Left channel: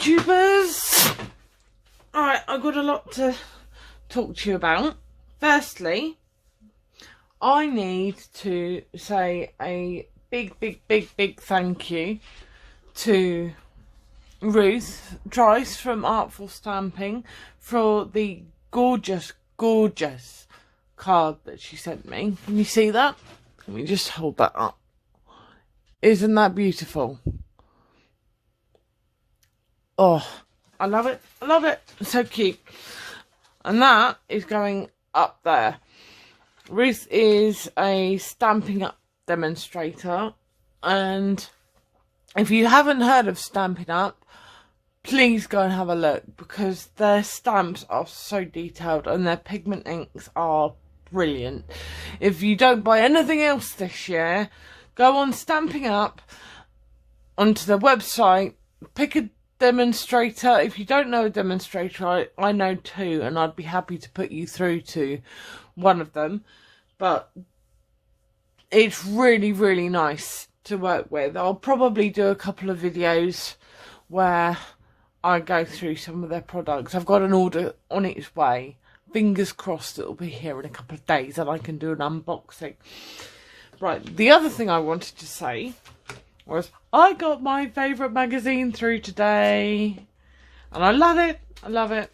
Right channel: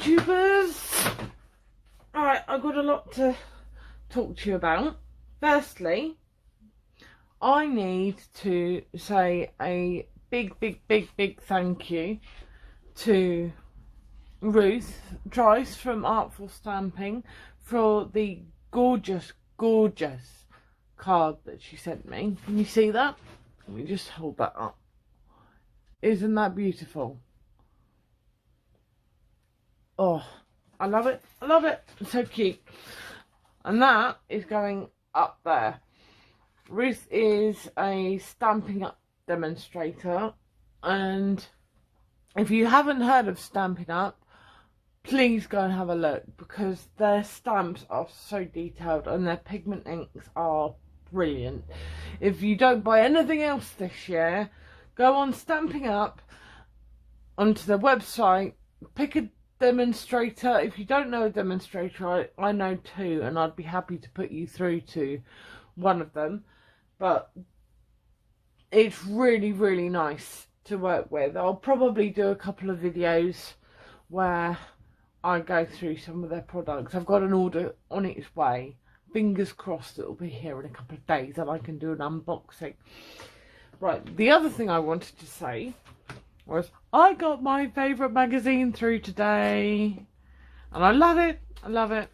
YouTubers. Alright, I've got a lot to talk to you about. Firstly, I need to say a big thank you to Ruth Trice from Artful Stamping for the gorgeous card that she sent me. Can you see that? Let me just hold that up. Isn't that beautiful? Oh, I love it. I love it. It's so cute. And that is going up there. Ruth is a Stampin' Up demonstrator. And if you haven't heard of Stampin' Up, please go and have a look, because their stamps are so detailed and their pigment inks are brilliant. If you don't buy anything else this year, go on Stampin' Up, onto the website, pick a demonstrator. If you don't know a demonstrator, I know two, and I'd be happy to put you through to one of them. But it's really nice to work with. I'll probably do a couple of videos where I go through some of their products. I've got an order on its way. Fingers crossed it'll be here in a couple of days and I can do an unboxing. Right, the other thing I wanted to say was I got my favourite magazine through today. And I love it. I love it.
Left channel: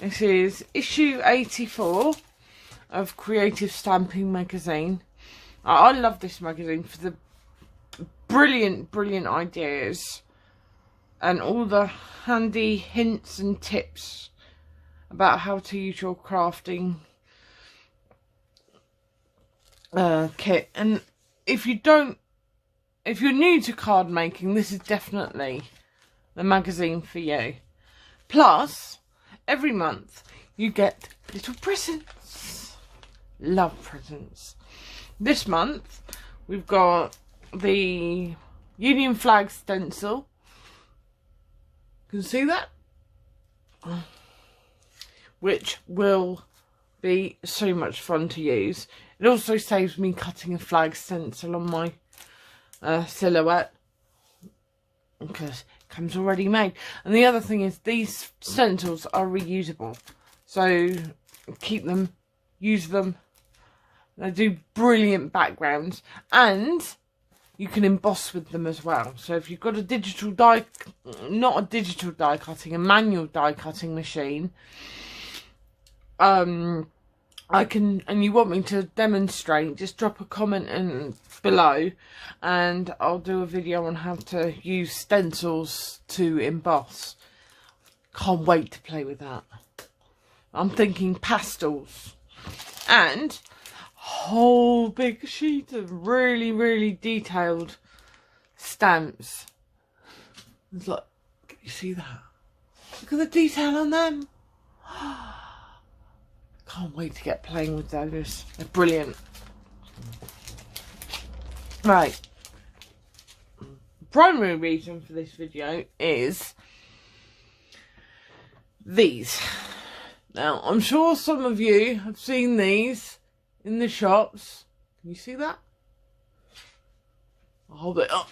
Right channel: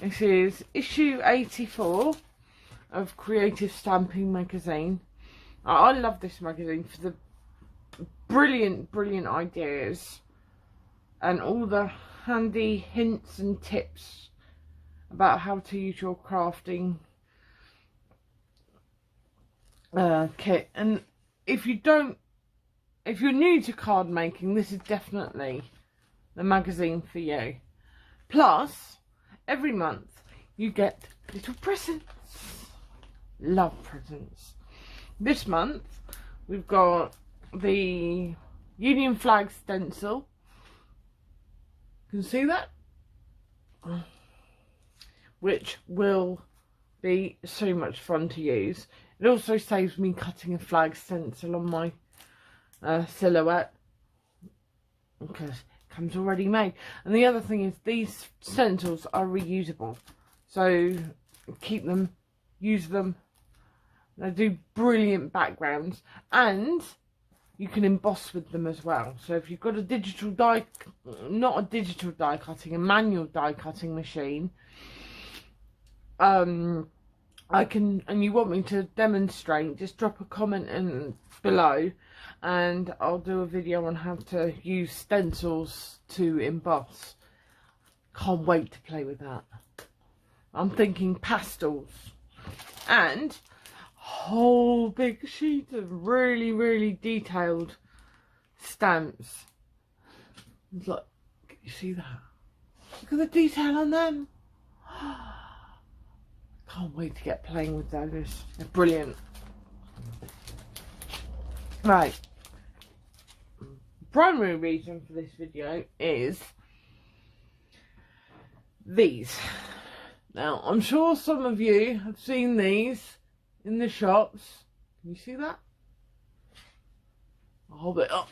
This is issue 84 of Creative Stamping magazine. I love this magazine for the brilliant ideas and all the handy hints and tips about how to use your crafting kit. And if you're new to card making, this is definitely the magazine for you. Plus, every month you get little presents. Love presents. This month we've got the Union flag stencil. Can you see that? Which will be so much fun to use. It also saves me cutting a flag stencil on my silhouette, because it comes already made. And the other thing is, these stencils are reusable, so keep them, use them. They do brilliant backgrounds, and you can emboss with them as well. So if you've got a digital die, not a digital die cutting, a manual die cutting machine, I can, and you want me to demonstrate, just drop a comment in below and I'll do a video on how to use stencils to emboss. Can't wait to play with that. I'm thinking pastels and a whole big sheet of really detailed stamps. Look, can you see that? Look at the detail on them. Can't wait to get playing with those. They're brilliant. Right. The primary reason for this video is these. Now, I'm sure some of you have seen these in the shops. Can you see that? I'll hold it up.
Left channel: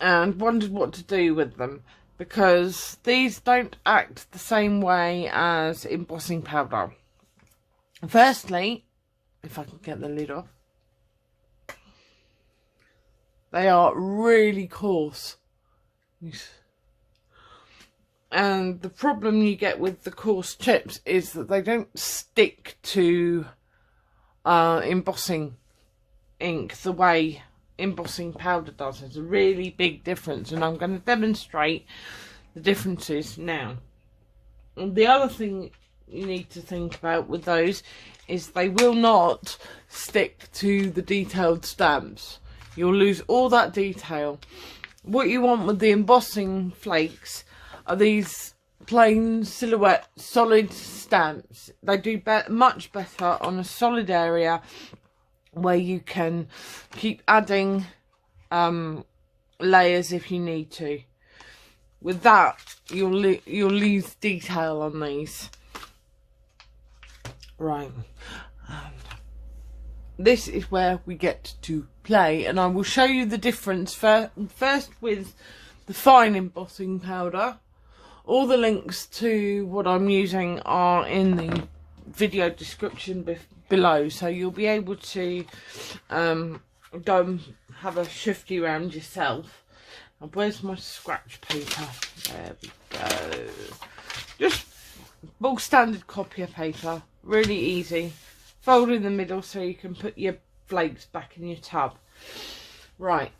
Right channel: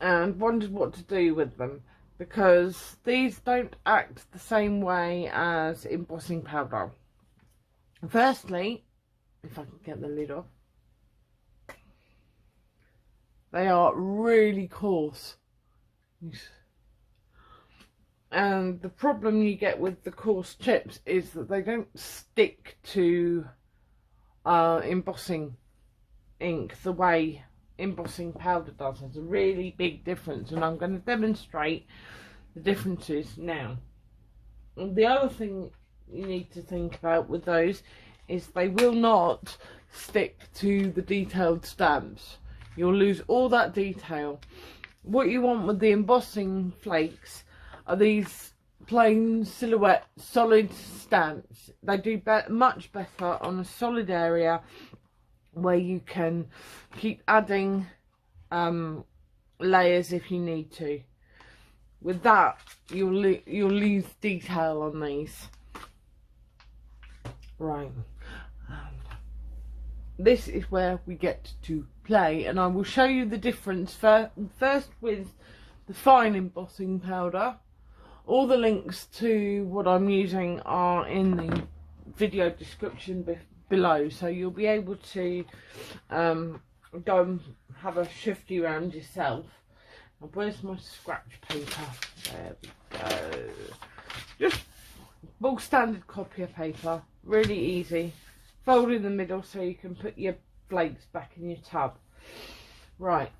And wondered what to do with them, because these don't act the same way as embossing powder. Firstly, if I can get the lid off, they are really coarse. And the problem you get with the coarse chips is that they don't stick to embossing ink the way embossing powder does. There's a really big difference, and I'm going to demonstrate the differences now. And the other thing you need to think about with those is they will not stick to the detailed stamps. You'll lose all that detail. What you want with the embossing flakes are these plain silhouette solid stamps. They do much better on a solid area where you can keep adding layers if you need to. With that, you'll lose detail on these. Right. And this is where we get to play, and I will show you the difference first with the fine embossing powder. All the links to what I'm using are in the video description below, so you'll be able to go and have a shifty round yourself. And where's my scratch paper? There we go. Just bulk standard copier paper, really easy. Fold in the middle so you can put your flakes back in your tub. Right.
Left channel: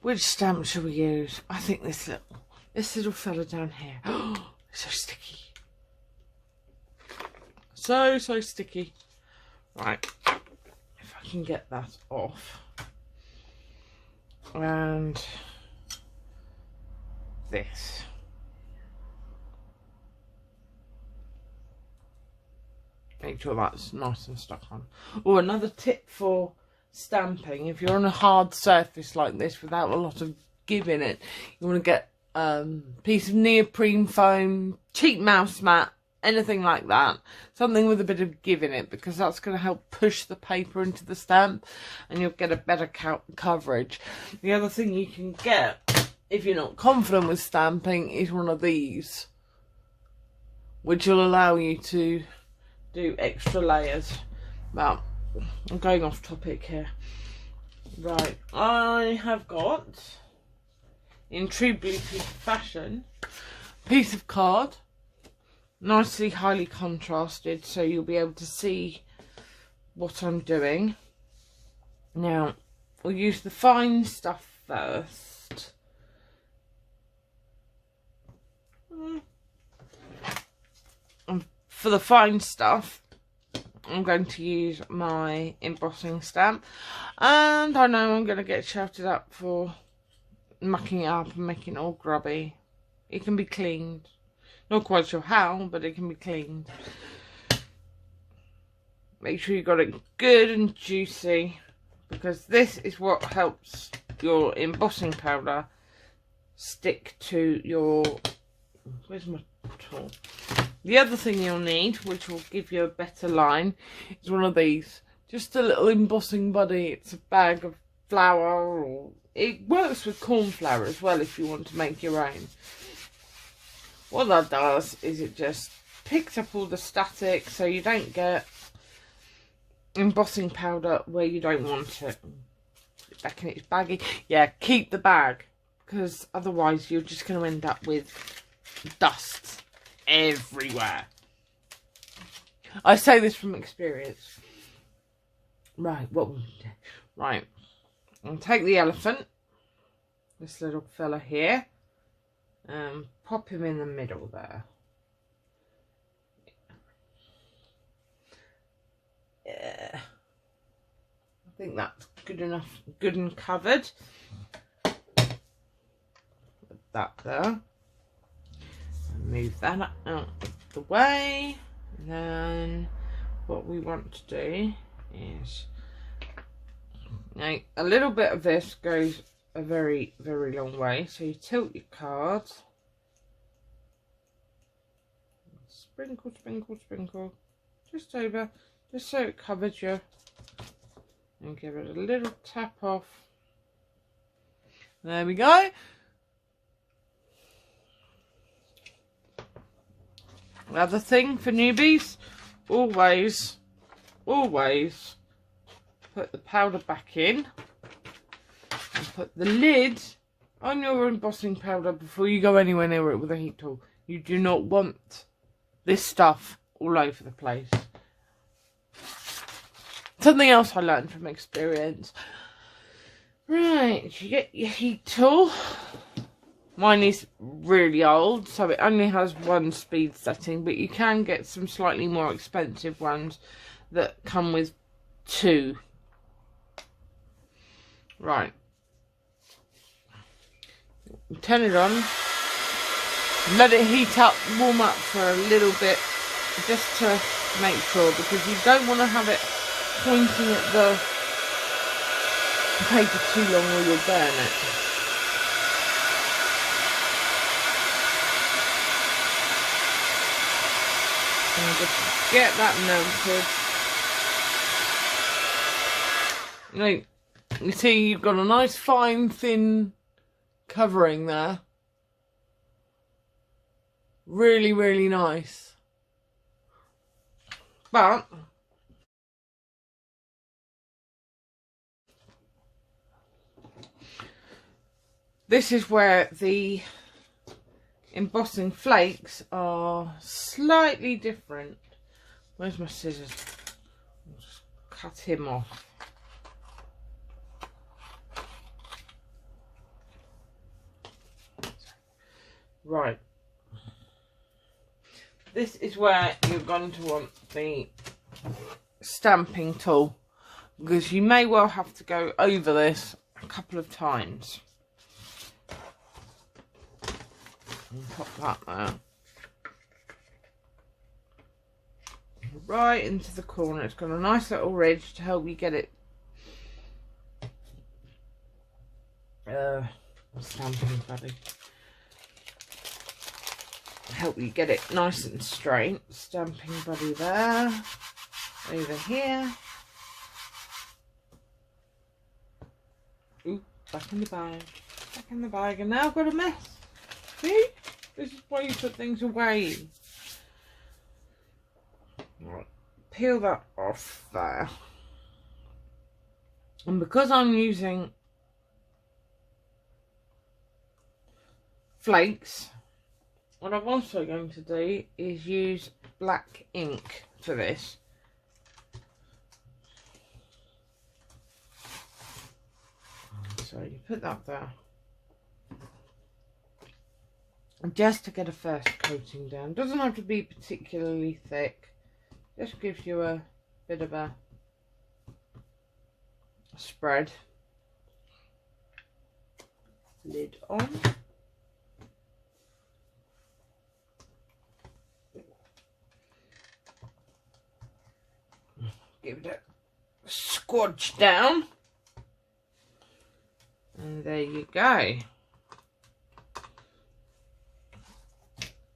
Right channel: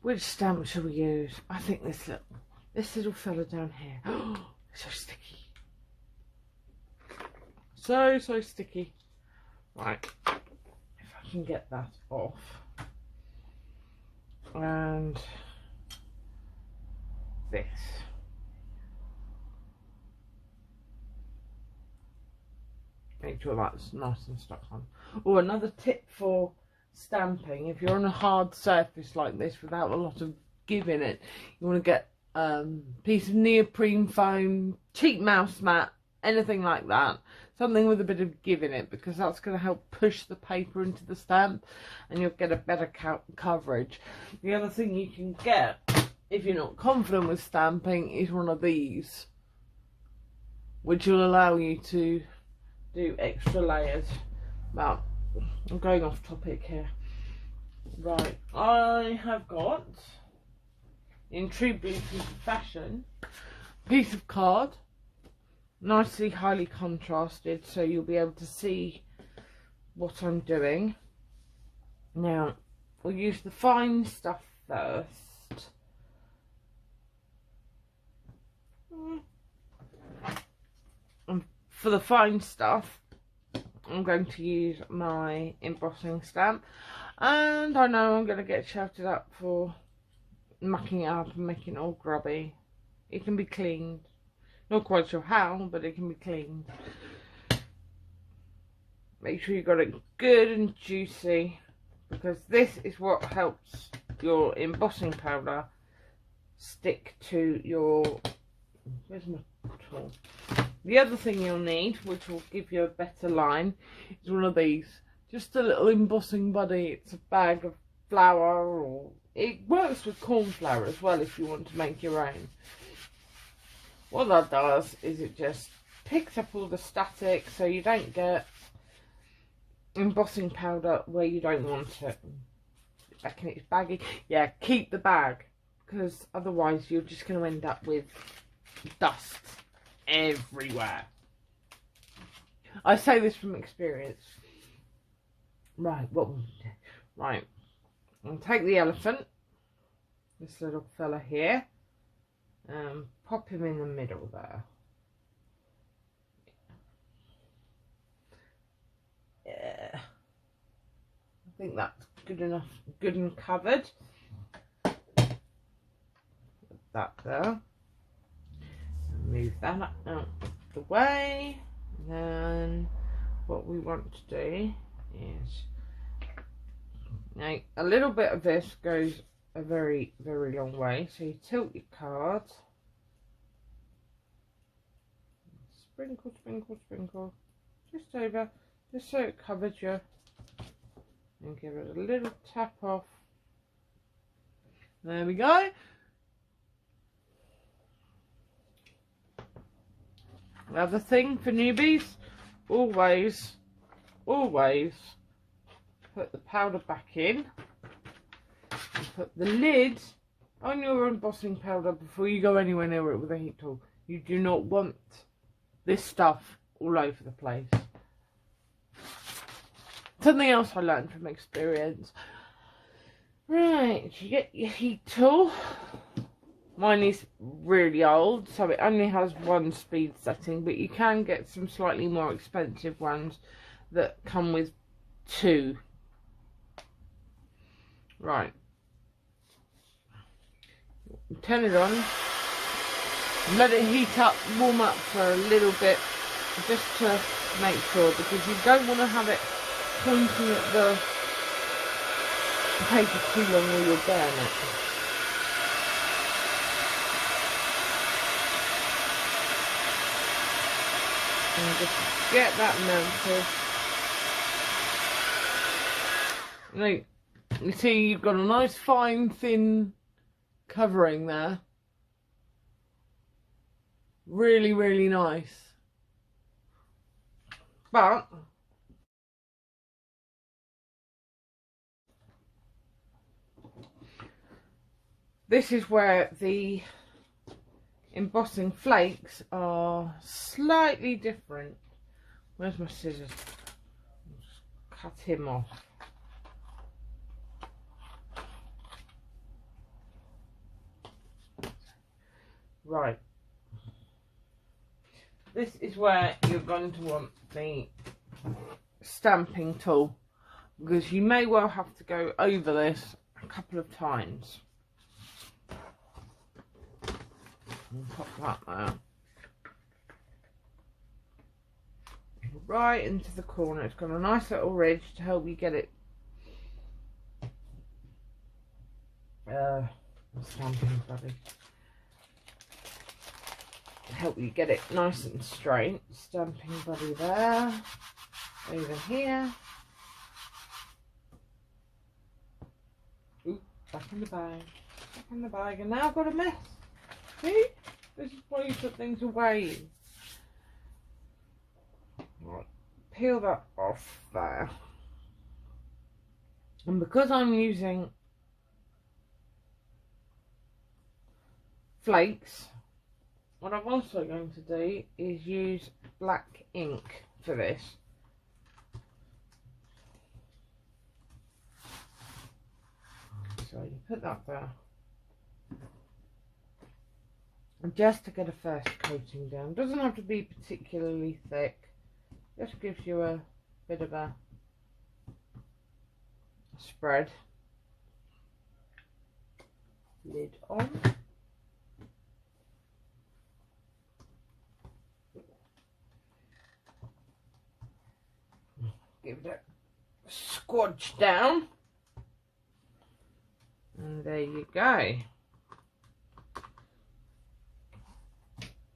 Which stamp shall we use? I think this little fella down here. Oh, so sticky. So sticky. Right. If I can get that off. And this. Make sure that's nice and stuck on. Oh, another tip for stamping: if you're on a hard surface like this without a lot of give in it, you want to get a piece of neoprene foam, cheap mouse mat, anything like that, something with a bit of give in it, because that's going to help push the paper into the stamp and you'll get a better coverage. The other thing you can get, if you're not confident with stamping, is one of these, which will allow you to do extra layers. But I'm going off topic here. Right, I have got, in true Bluetooth fashion, a piece of card, nicely highly contrasted, so you'll be able to see what I'm doing. Now, we'll use the fine stuff first. And for the fine stuff, I'm going to use my embossing stamp, and I know I'm going to get shouted at for mucking it up and making it all grubby. It can be cleaned. Not quite sure how, but it can be cleaned. Make sure you got it good and juicy, because this is what helps your embossing powder stick to your... Where's my tool? The other thing you'll need, which will give you a better line, is one of these. Just a little embossing buddy. It's a bag of flour, or it works with corn flour as well if you want to make your own. What that does is it just picks up all the static, so you don't get embossing powder where you don't want it. Back in its baggy. Yeah, keep the bag, because otherwise you're just going to end up with dust everywhere. I say this from experience. Right, what will we do? Right, I'll take the elephant, this little fella here, and pop him in the middle there. Yeah, I think that's good enough, good and covered. Put that there. Move that out of the way. And then what we want to do is, now a little bit of this goes a very long way, so you tilt your cards, sprinkle just over, just so it covers you, and give it a little tap off. There we go. Another thing for newbies, always put the powder back in and put the lid on your embossing powder before you go anywhere near it with a heat tool. You do not want this stuff all over the place. Something else I learned from experience. Right, you get your heat tool. Mine is really old, so it only has one speed setting, but you can get some slightly more expensive ones that come with two. Right. Turn it on. Let it heat up, warm up for a little bit, just to make sure, because you don't want to have it pointing at the paper too long or you'll burn it. And just get that melted. You know, you see you've got a nice fine thin covering there. Really, really nice. But this is where the embossing flakes are slightly different. Where's my scissors? I'll just cut him off. Right. This is where you're going to want the stamping tool, because you may well have to go over this a couple of times. And pop that there. Right into the corner. It's got a nice little ridge to help you get it stamping buddy. Help you get it nice and straight. Stamping buddy there. Over here. Ooh, back in the bag. Back in the bag. And now I've got a mess. See? This is why you put things away. Right. Peel that off there. And because I'm using flakes, what I'm also going to do is use black ink for this. So you put that there. And just to get a first coating down. Doesn't have to be particularly thick. Just gives you a bit of a spread. Lid on. Give it a squodge down. And there you go.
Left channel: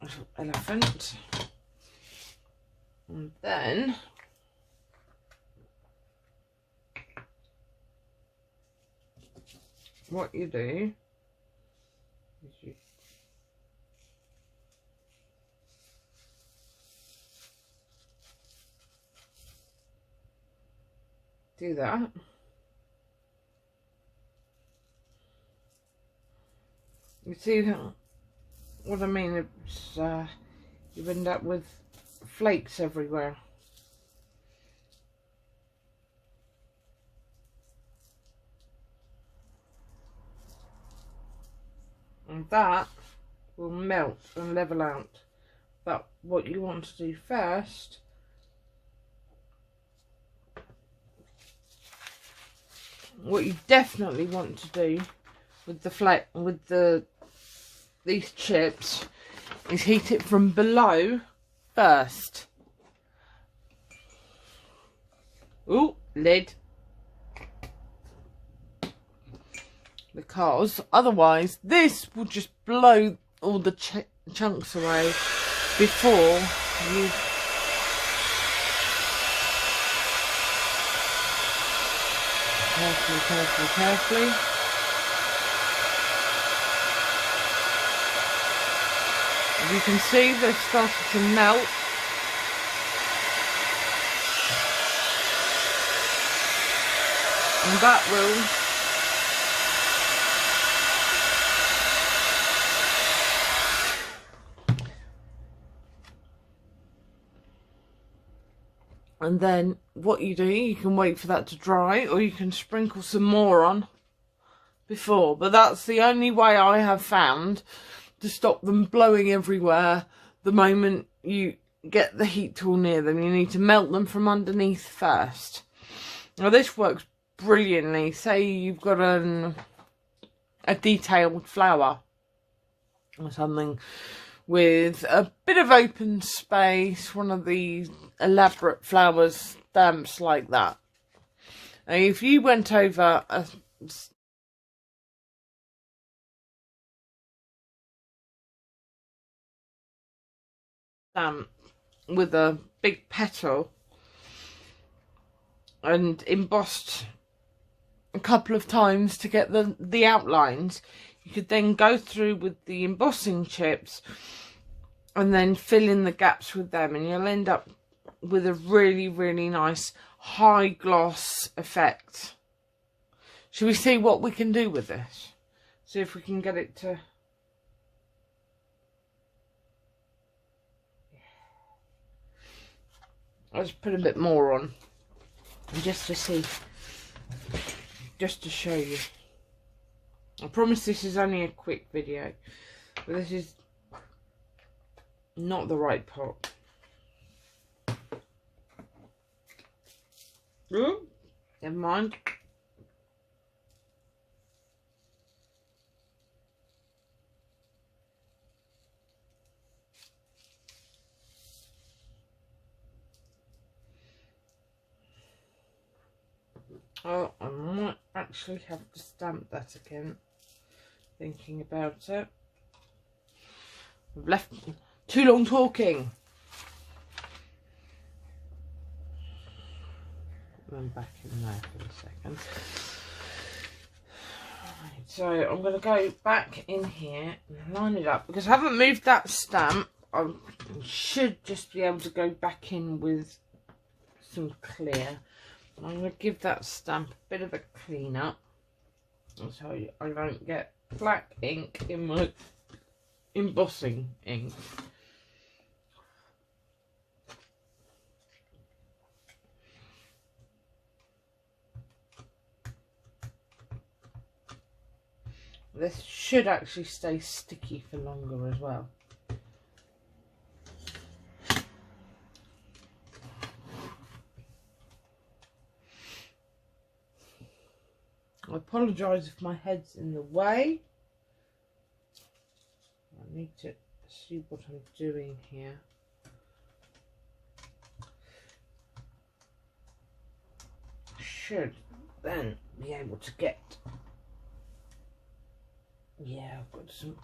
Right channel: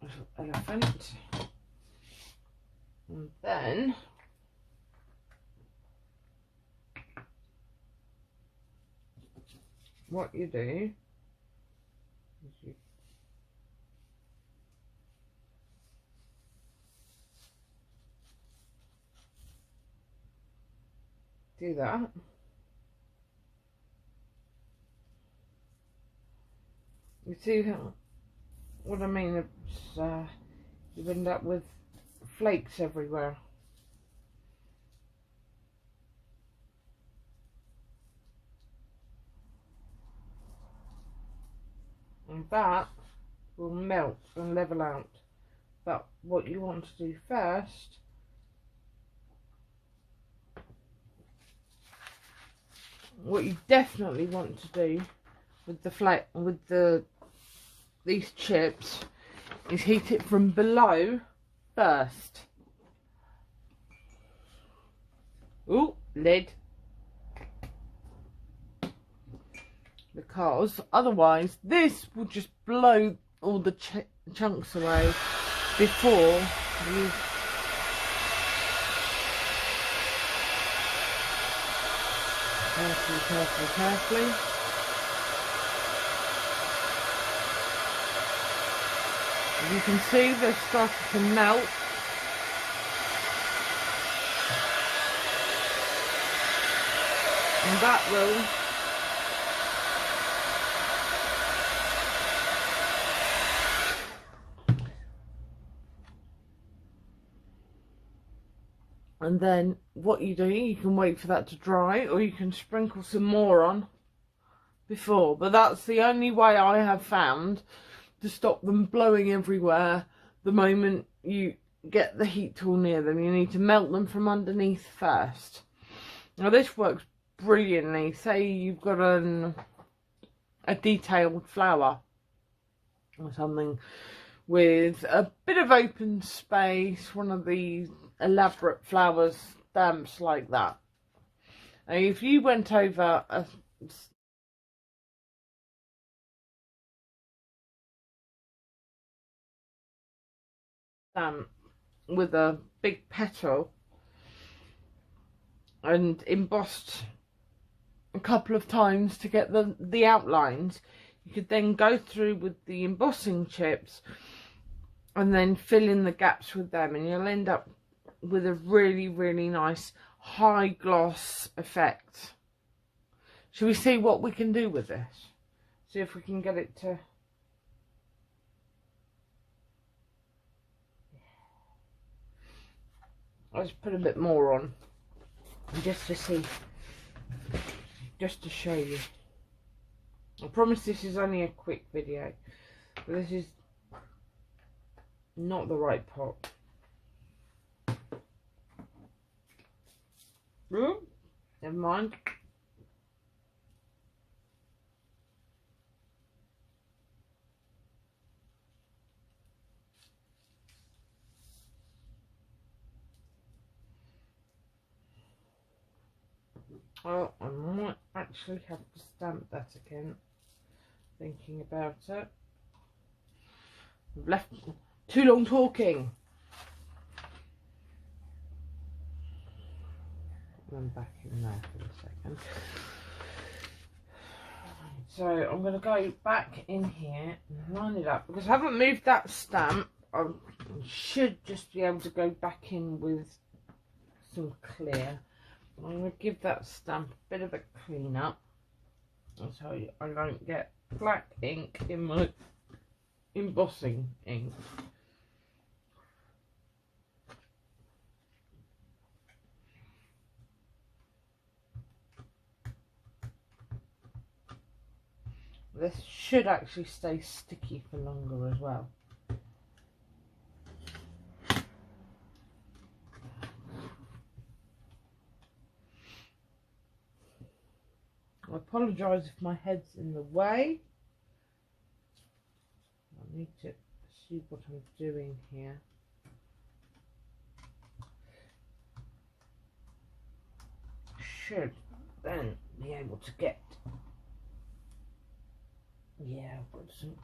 Little elephant. And then what you do is you do that. You see what I mean? It's you end up with flakes everywhere. And that will melt and level out. But what you want to do first what you definitely want to do with these chips is heat it from below first. Ooh, lid. Because otherwise this will just blow all the chunks away before you carefully. As you can see, they're starting to melt. And that will and then what you do, you can wait for that to dry, or you can sprinkle some more on before. But that's the only way I have found to stop them blowing everywhere the moment you get the heat tool near them. You need to melt them from underneath first. Now this works brilliantly. Say you've got a detailed flower or something with a bit of open space, one of these elaborate flower stamps like that. Now, if you went over a stamp with a big petal and embossed a couple of times to get the outlines, you could then go through with the embossing chips and then fill in the gaps with them, and you'll end up with a really, really nice high gloss effect. Shall we see what we can do with this? See if we can get it to... Let's put a bit more on, just to see, just to show you. I promise this is only a quick video, but this is not the right pot. Ooh, never mind. Oh, I might actually have to stamp that again, thinking about it. I've left too long talking. I'm back in there for a second. Right, so I'm going to go back in here and line it up, because I haven't moved that stamp. I should just be able to go back in with some clear. I'm going to give that stamp a bit of a clean up, so I don't get black ink in my embossing ink. This should actually stay sticky for longer as well. I apologise if my head's in the way. I need to see what I'm doing here. Should then be able to get... Yeah, I've got some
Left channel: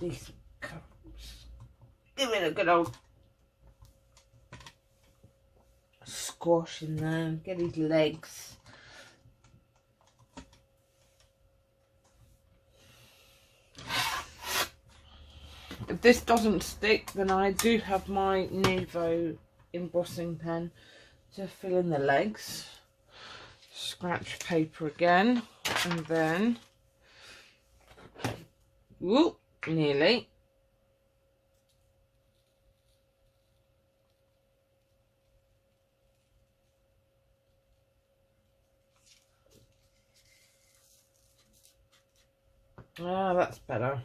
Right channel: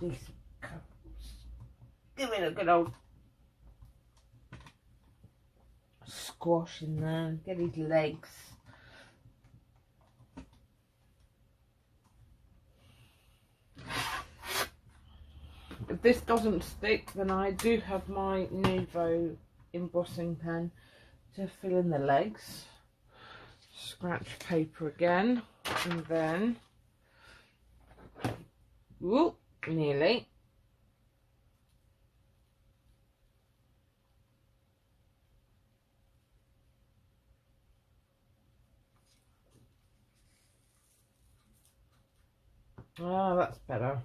decent colours. Give it a good old squash in there. Get his legs. If this doesn't stick, then I do have my Nuvo embossing pen to fill in the legs. Scratch paper again, and then, whoop, nearly. Ah, that's better.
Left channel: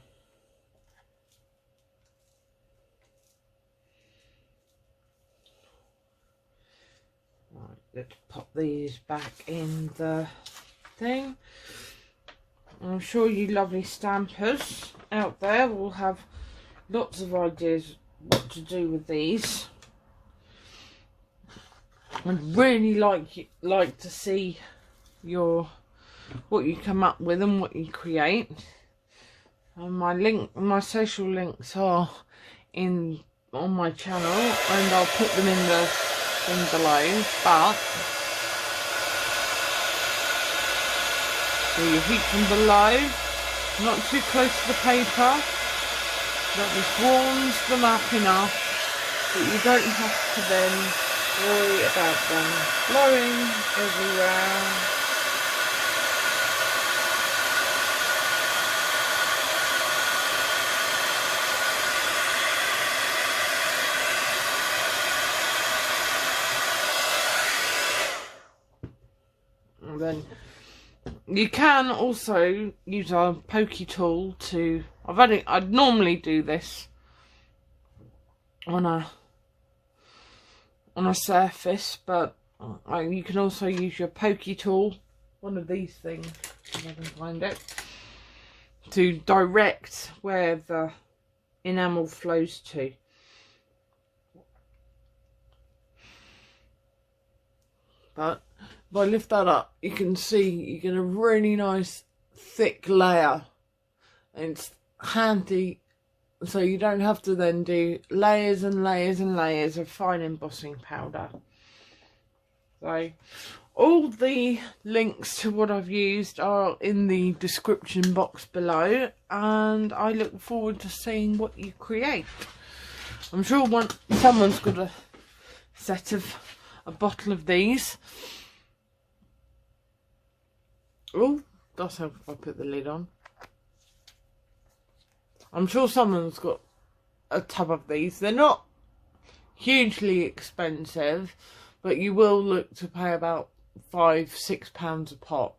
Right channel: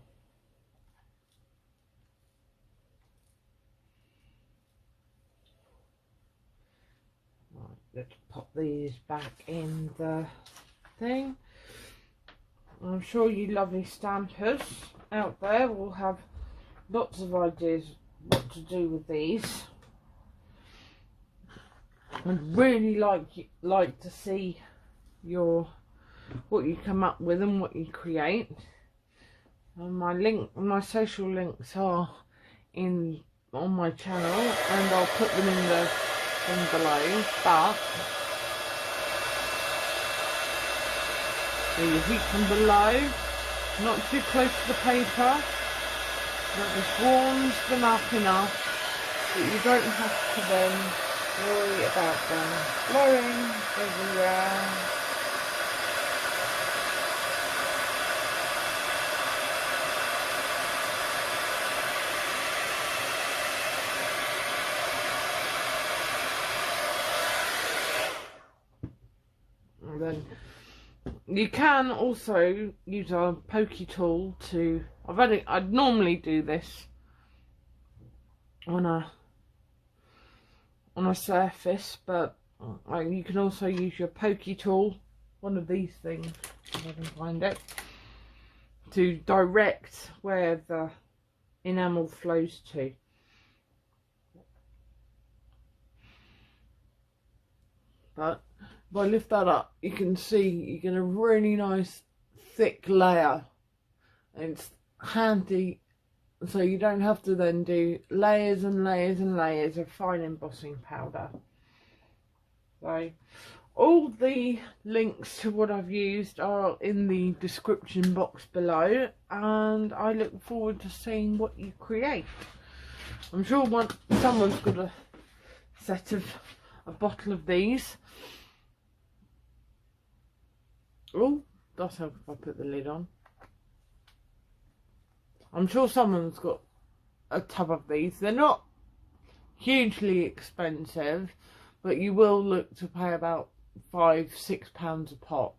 Let's pop these back in the thing. I'm sure you lovely stampers out there will have lots of ideas what to do with these. I'd really like to see what you come up with and what you create. And my social links are on my channel, and I'll put them in the below, but so you heat them below, not too close to the paper, that just warms them up enough that you don't have to then worry about them blowing everywhere. Then you can also use a pokey tool to... I'd normally do this on a surface, but you can also use your pokey tool, one of these things, if I can find it, to direct where the enamel flows to. But if I lift that up, you can see you get a really nice thick layer. And it's handy, so you don't have to then do layers and layers and layers of fine embossing powder. So All the links to what I've used are in the description box below, and I look forward to seeing what you create. I'm sure someone's got a bottle of these. Oh, that's how I put the lid on. I'm sure someone's got a tub of these. They're not hugely expensive, but you will look to pay about £5–6 a pot.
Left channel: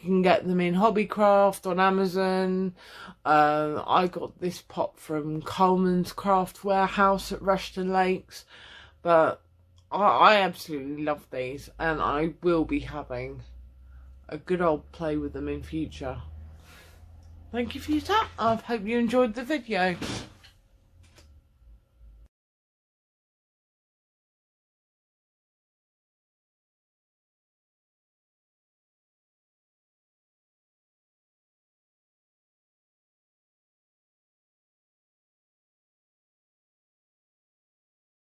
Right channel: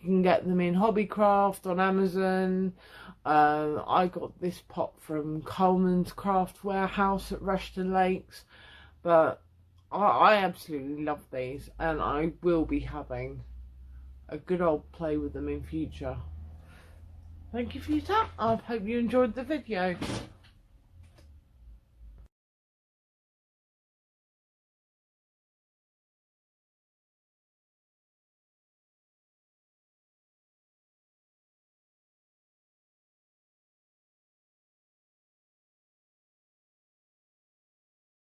You can get them in Hobbycraft on Amazon. I got this pot from Coleman's Craft Warehouse at Rushton Lakes, but I absolutely love these, and I will be having a good old play with them in future. Thank you for your time. I hope you enjoyed the video.